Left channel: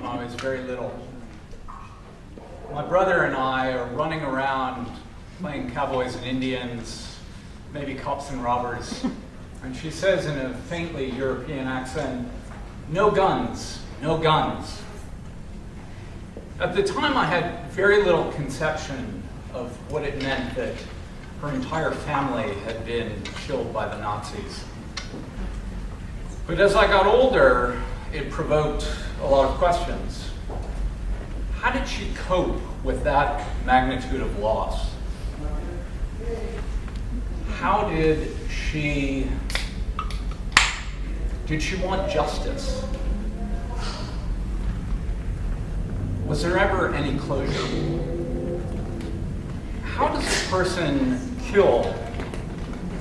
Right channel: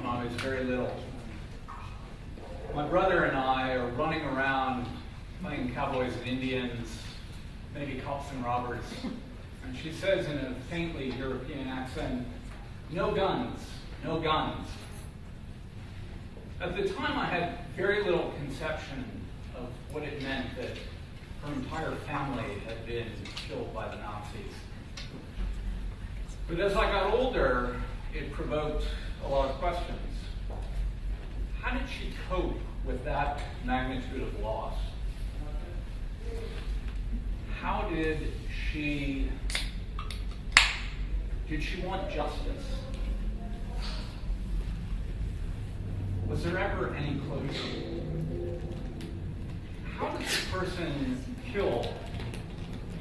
when I was very little. My brother and I are running around playing cowboys and Indians, maybe cops and robbers. And she says in a faintly European accent, "No guns, no guns." At the time, I had very little conception of what it meant that her entire family had been killed by the Nazis. But as I got older, it provoked a lot of questions. How did she cope with that magnitude of loss? How did she want justice? Was there ever any closure? How does a person kill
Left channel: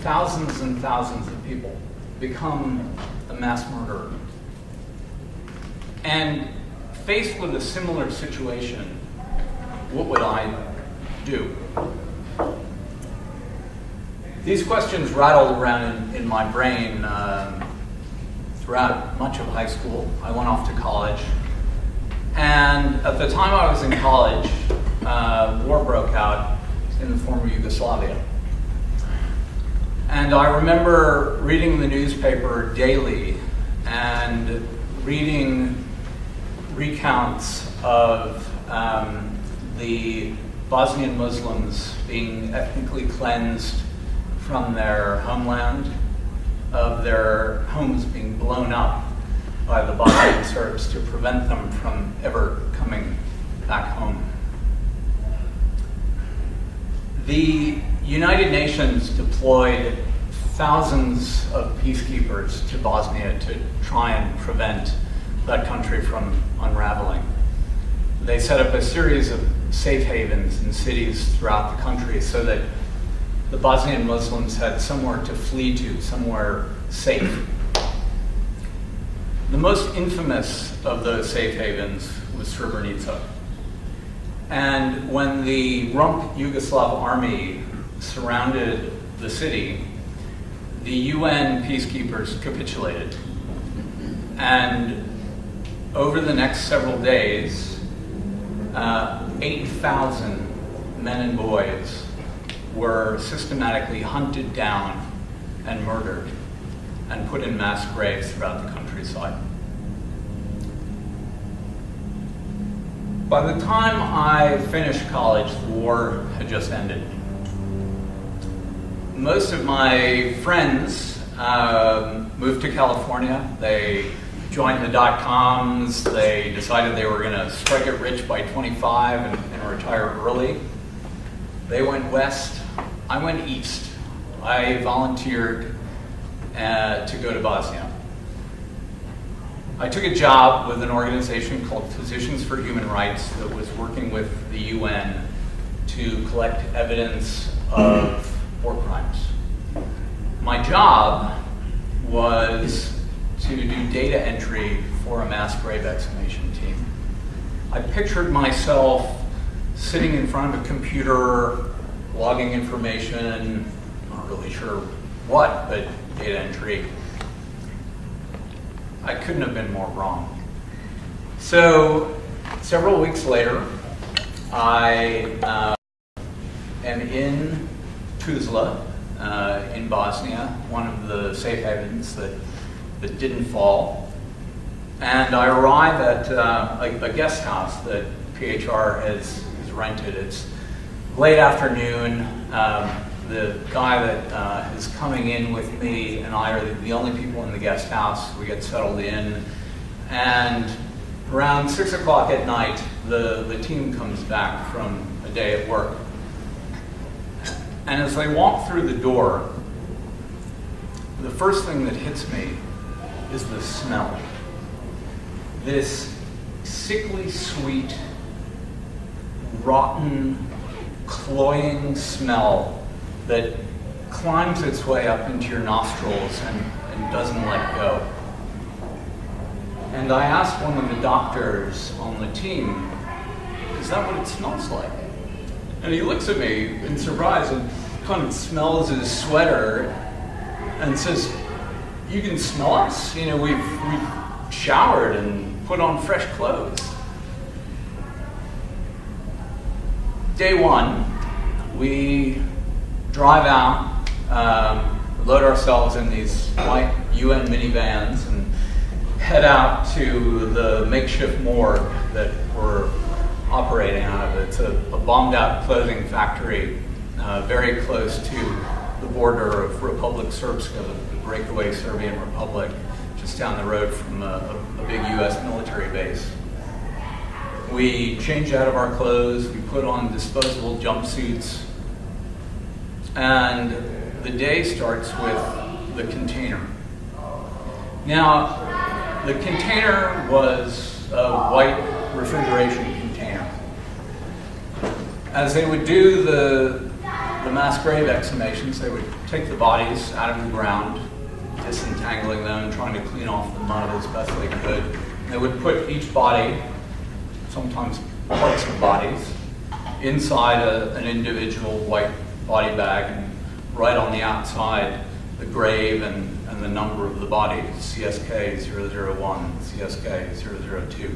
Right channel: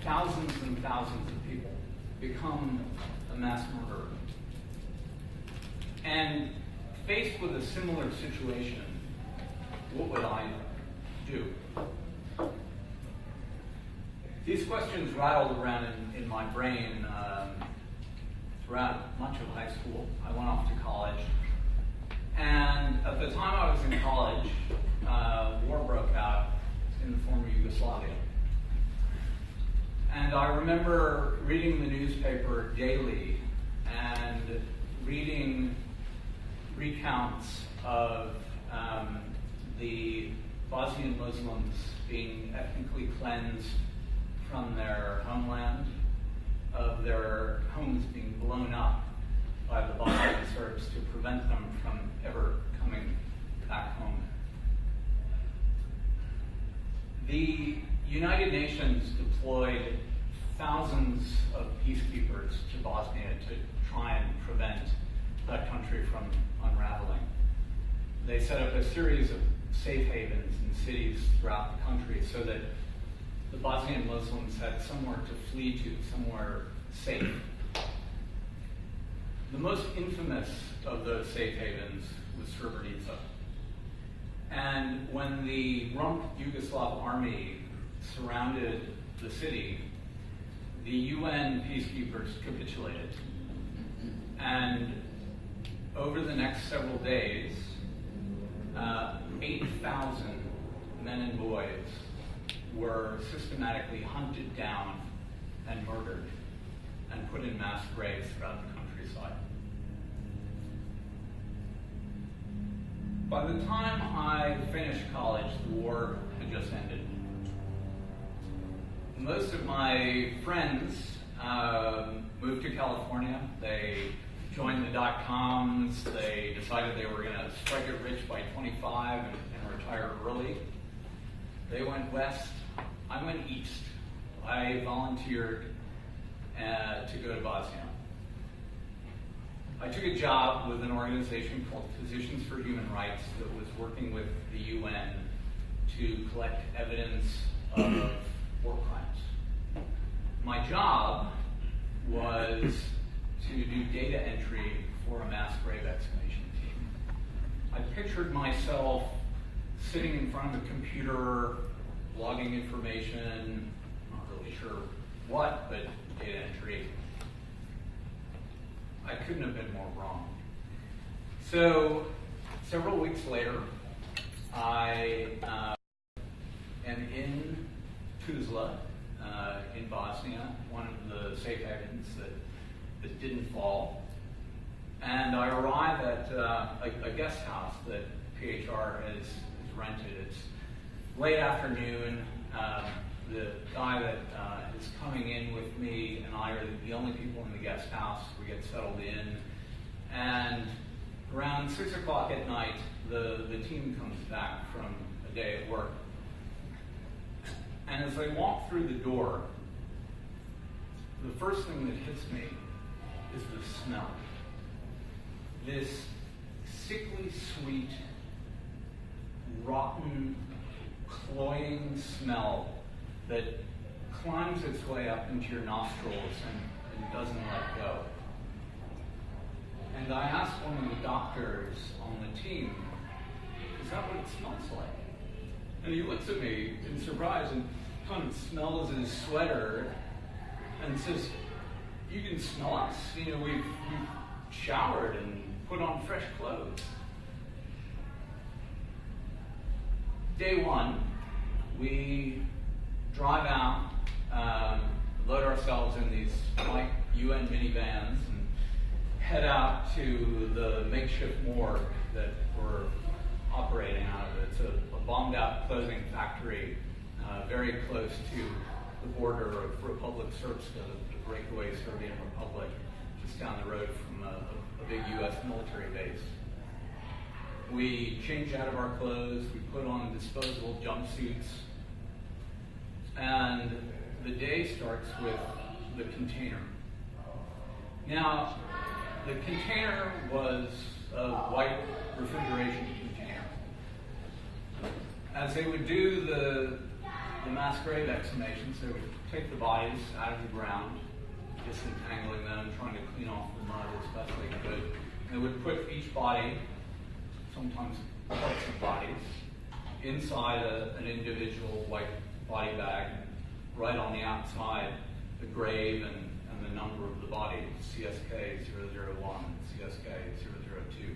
thousands and thousands of people, become a mass murderer? And faced with a similar situation, what would I do? These questions rattled around in my brain throughout much of high school. I went off to college. And at the time I was in college, war broke out in the former Yugoslavia. And I remember reading the newspaper daily and reading recounts of the Bosnian Muslims being ethnically cleansed from their homeland, of their homes being blown up by the Bosnian Serbs to prevent them from ever coming back home. The United Nations deployed thousands of peacekeepers to Bosnia to try and prevent that country from unraveling. They set up a series of safe havens in cities throughout the country so that the Bosnian Muslims had somewhere to flee to, somewhere safe. The most infamous of those safe havens was Srebrenica. And when the rump Yugoslav army surrounded the city, the UN peacekeepers capitulated. And over the next several days, 8,000 men and boys were systematically hunted down and murdered and put in mass graves throughout the countryside. By the time I finished college, the war had just ended. Most of my friends moved to California. They joined the dot-coms. They decided they were going to strike it rich by 25 and retire early. They went west. I went east. I volunteered to go to Bosnia. I took a job with an organization called Physicians for Human Rights that was working with the UN to collect evidence of war crimes. My job was to do data entry for a mass grave exhumation team. I pictured myself sitting in front of a computer, logging information, not really sure what, but data entry. I couldn't have been more wrong. So, several weeks later, I am in Tuzla, in Bosnia, one of the safe havens that didn't fall. And I arrive at a guest house that PHR has rented. It's late afternoon. The guy that is coming in with me and I are the only people in the guest house. We get settled in. And around 6 o'clock at night, the team comes back from a day at work. And as they walk through the door, the first thing that hits me is the smell. This sickly sweet, rotten, cloying smell that climbs its way up into your nostrils and doesn't let go. And I asked one of the doctors on the team, "Is that what it smells like?" And he looks at me in surprise and kind of smells his sweater and says, "You can smell us? You know, we've showered and put on fresh clothes." day one, we drive out, load ourselves in these white UN minivans and head out to the makeshift morgue that we're operating out of. It's a bombed out clothing factory very close to the border of Republic Srpska, the breakaway Serbian Republic, just down the road from a big US military base. We change out of our clothes, we put on disposable jumpsuits, and the day starts with the container. Now, the container was a white refrigeration container. As they would do the mass grave exhumations, they would take the bodies out of the ground, disentangling them, trying to clean off the mud as best they could. They would put each body, sometimes parts of bodies, inside an individual white body bag, and right on the outside, the grave and the number of the body, CSK 001, CSK 002.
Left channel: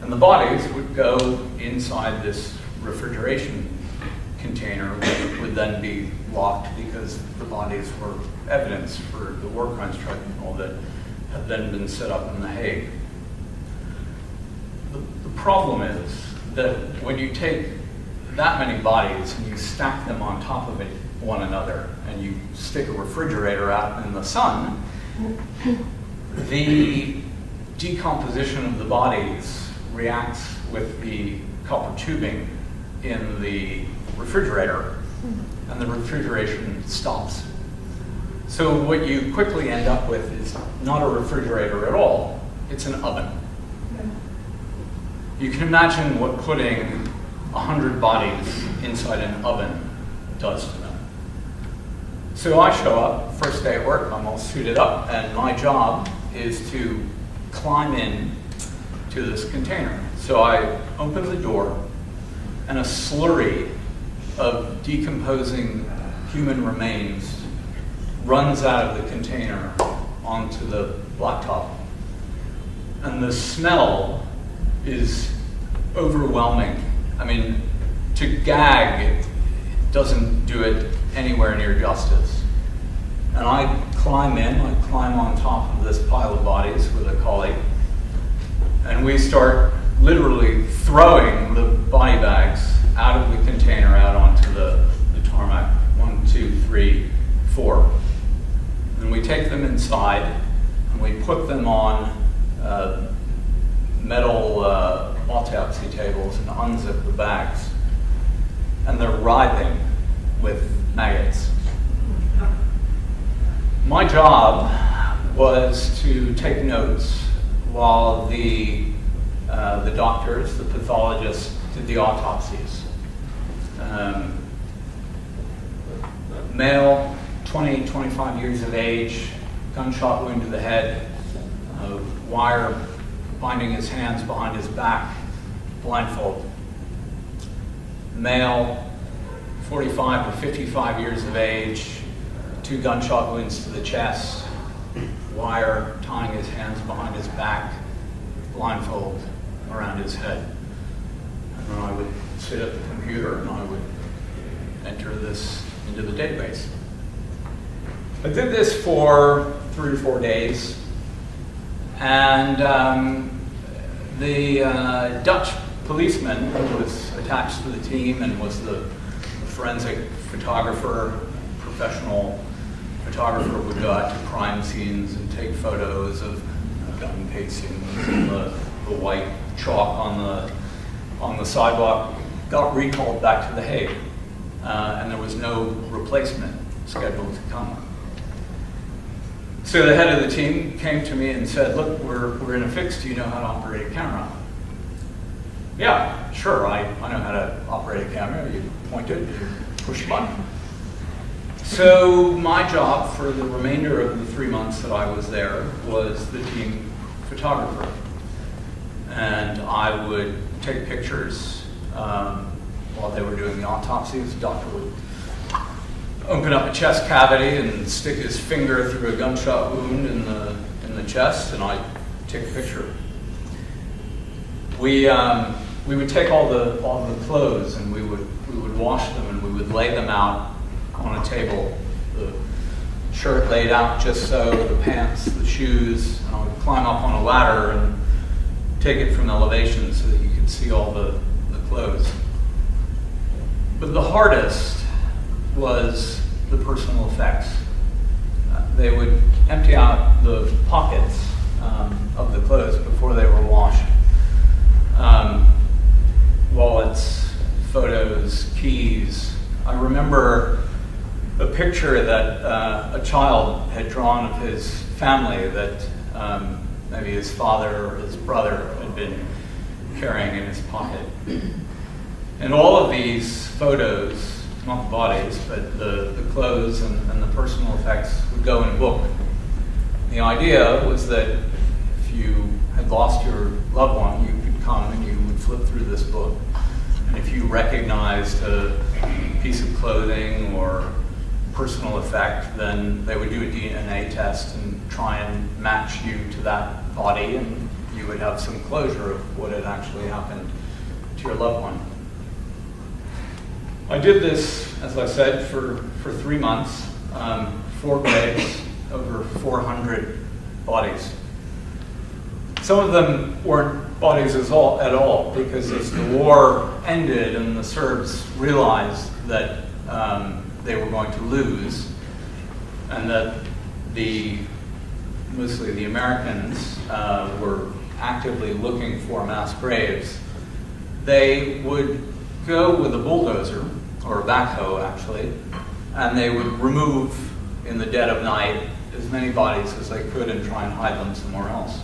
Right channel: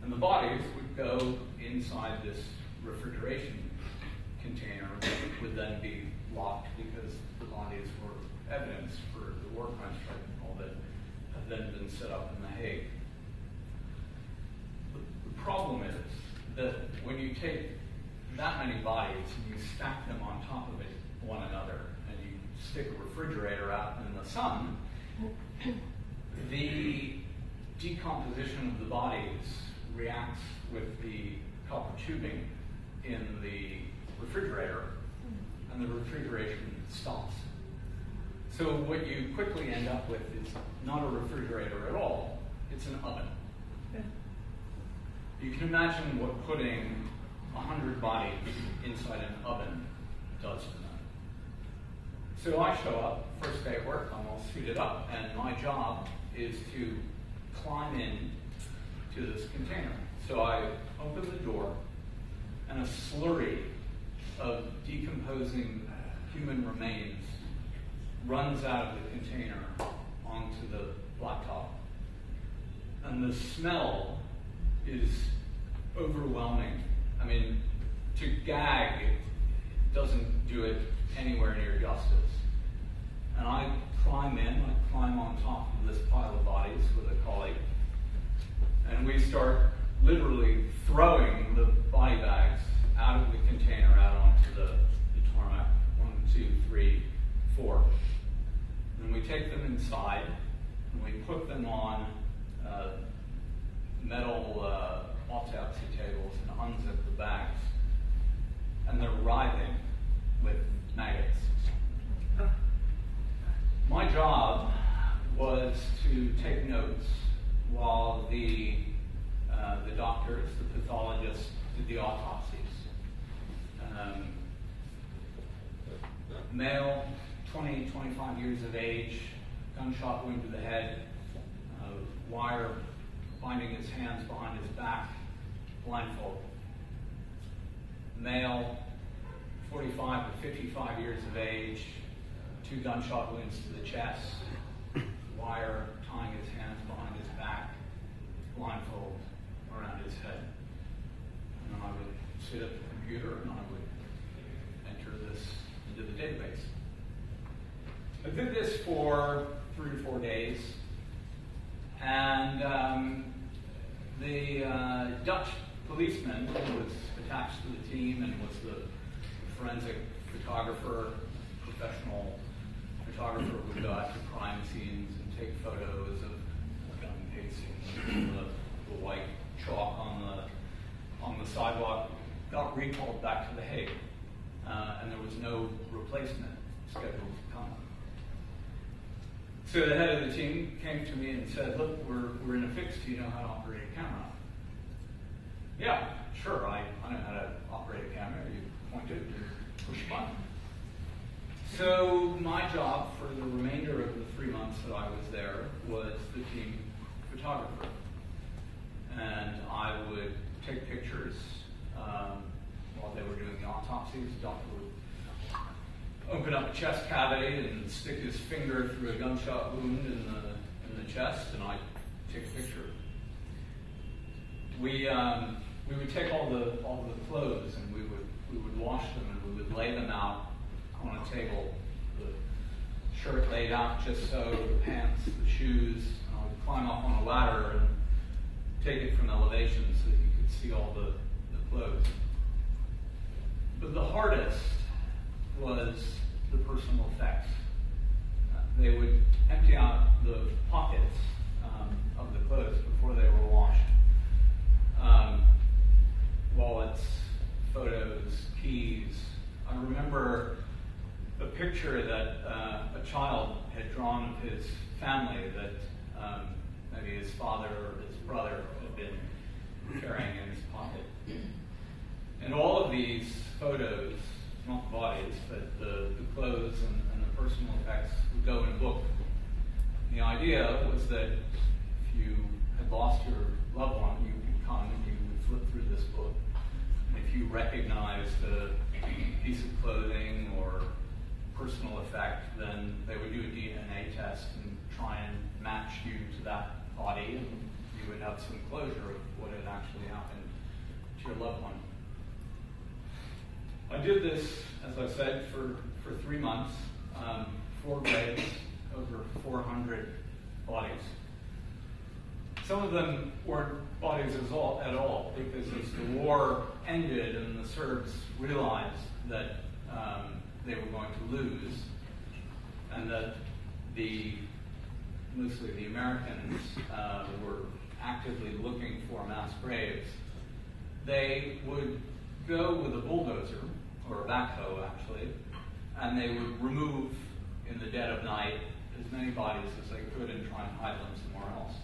And the bodies would go inside this refrigeration container, which would then be locked because the bodies were evidence for the war crimes tribunal that had then been set up in The Hague. The problem is that when you take that many bodies and you stack them on top of one another and you stick a refrigerator out in the sun, the decomposition of the bodies reacts with the copper tubing in the refrigerator, and the refrigeration stops. So what you quickly end up with is not a refrigerator at all, it's an oven. You can imagine what putting 100 bodies inside an oven does to them. So I show up, first day at work, I'm all suited up, and my job is to climb in to this container. So I open the door, and a slurry of decomposing human remains runs out of the container onto the blacktop. And the smell is overwhelming. I mean, to gag, it doesn't do it anywhere near justice. And I climb on top of this pile of bodies with a colleague, and we start literally throwing the body bags out of the container out onto the tarmac. 1, 2, 3, 4. And we take them inside and we put them on metal autopsy tables and unzip the bags. And they're writhing with maggots. My job was to take notes while the doctors, the pathologists, did the autopsies. Male, 20, 25 years of age, gunshot wound to the head, wire binding his hands behind his back, blindfold. Male, 45 to 55 years of age, 2 gunshot wounds to the chest, wire tying his hands behind his back, blindfold around his head. And then I would sit at the computer and I would enter this into the database. I did this for 3 or 4 days, and the Dutch policeman who was attached to the team and was the forensic photographer, professional photographer, would go out to crime scenes and take photos of gun casings and the white chalk on the sidewalk. Got recalled back to The Hague, and there was no replacement scheduled to come. So the head of the team came to me and said, "Look, we're in a fix. Do you know how to operate a camera?" "Yeah, sure, I know how to operate a camera. You point it, you push a button." So my job for the remainder of the 3 months that I was there was the team photographer. And I would take pictures while they were doing the autopsies. The doctor would open up a chest cavity and stick his finger through a gunshot wound in the chest, and I'd take a picture. We we would take all the clothes and we would wash them and we would lay them out on a table. The shirt laid out just so, the pants, the shoes, and I would climb up on a ladder and take it from elevation so that you could see all the clothes. But the hardest was the personal effects. They would empty out the pockets of the clothes before they were washed. Wallets, photos, keys. I remember a picture that a child had drawn of his family that maybe his father or his brother had been carrying in his pocket. And all of these photos, not the bodies, but the clothes and the personal effects would go in a book. The idea was that if you had lost your loved one, you could come and you would flip through this book. And if you recognized a piece of clothing or personal effect, then they would do a DNA test and try and match you to that body, and you would have some closure of what had actually happened to your loved one. I did this, as I said, for 3 months, 4 graves, over 400 bodies. Some of them weren't bodies at all, because as the war ended and the Serbs realized that they were going to lose, and that mostly the Americans were actively looking for mass graves, they would go with a bulldozer, or a backhoe actually, and they would remove in the dead of night as many bodies as they could and try and hide them somewhere else.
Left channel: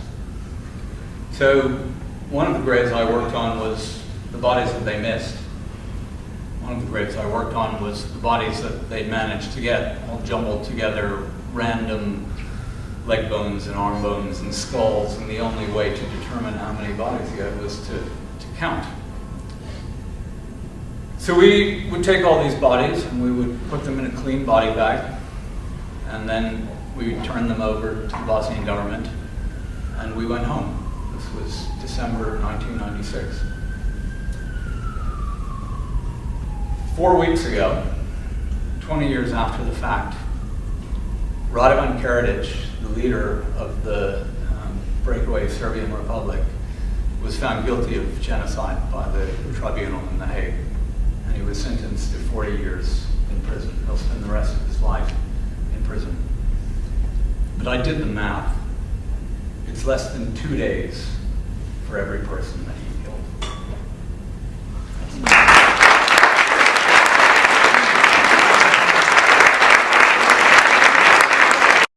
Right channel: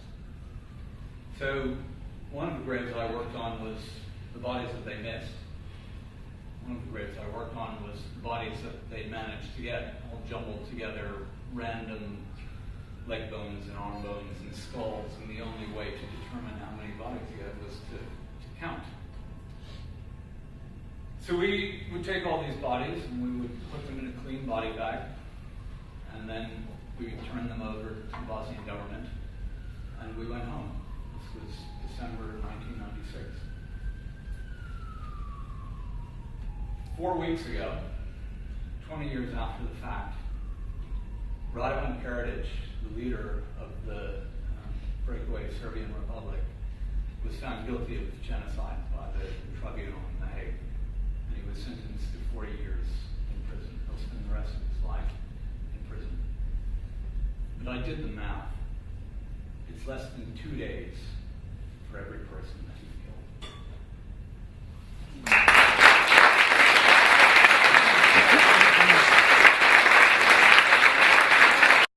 So one of the graves I worked on was the bodies that they missed. One of the graves I worked on was the bodies that they'd managed to get all jumbled together, random leg bones and arm bones and skulls, and the only way to determine how many bodies you had was to count. So we would take all these bodies and we would put them in a clean body bag, and then we would turn them over to the Bosnian government, and we went home. This was December 1996. 4 weeks ago, 20 years after the fact, Radovan Karadzic, the leader of the breakaway Serbian Republic, was found guilty of genocide by the tribunal in The Hague, and he was sentenced to 40 years in prison. He'll spend the rest of his life in prison. But I did the math. It's less than 2 days for every person that he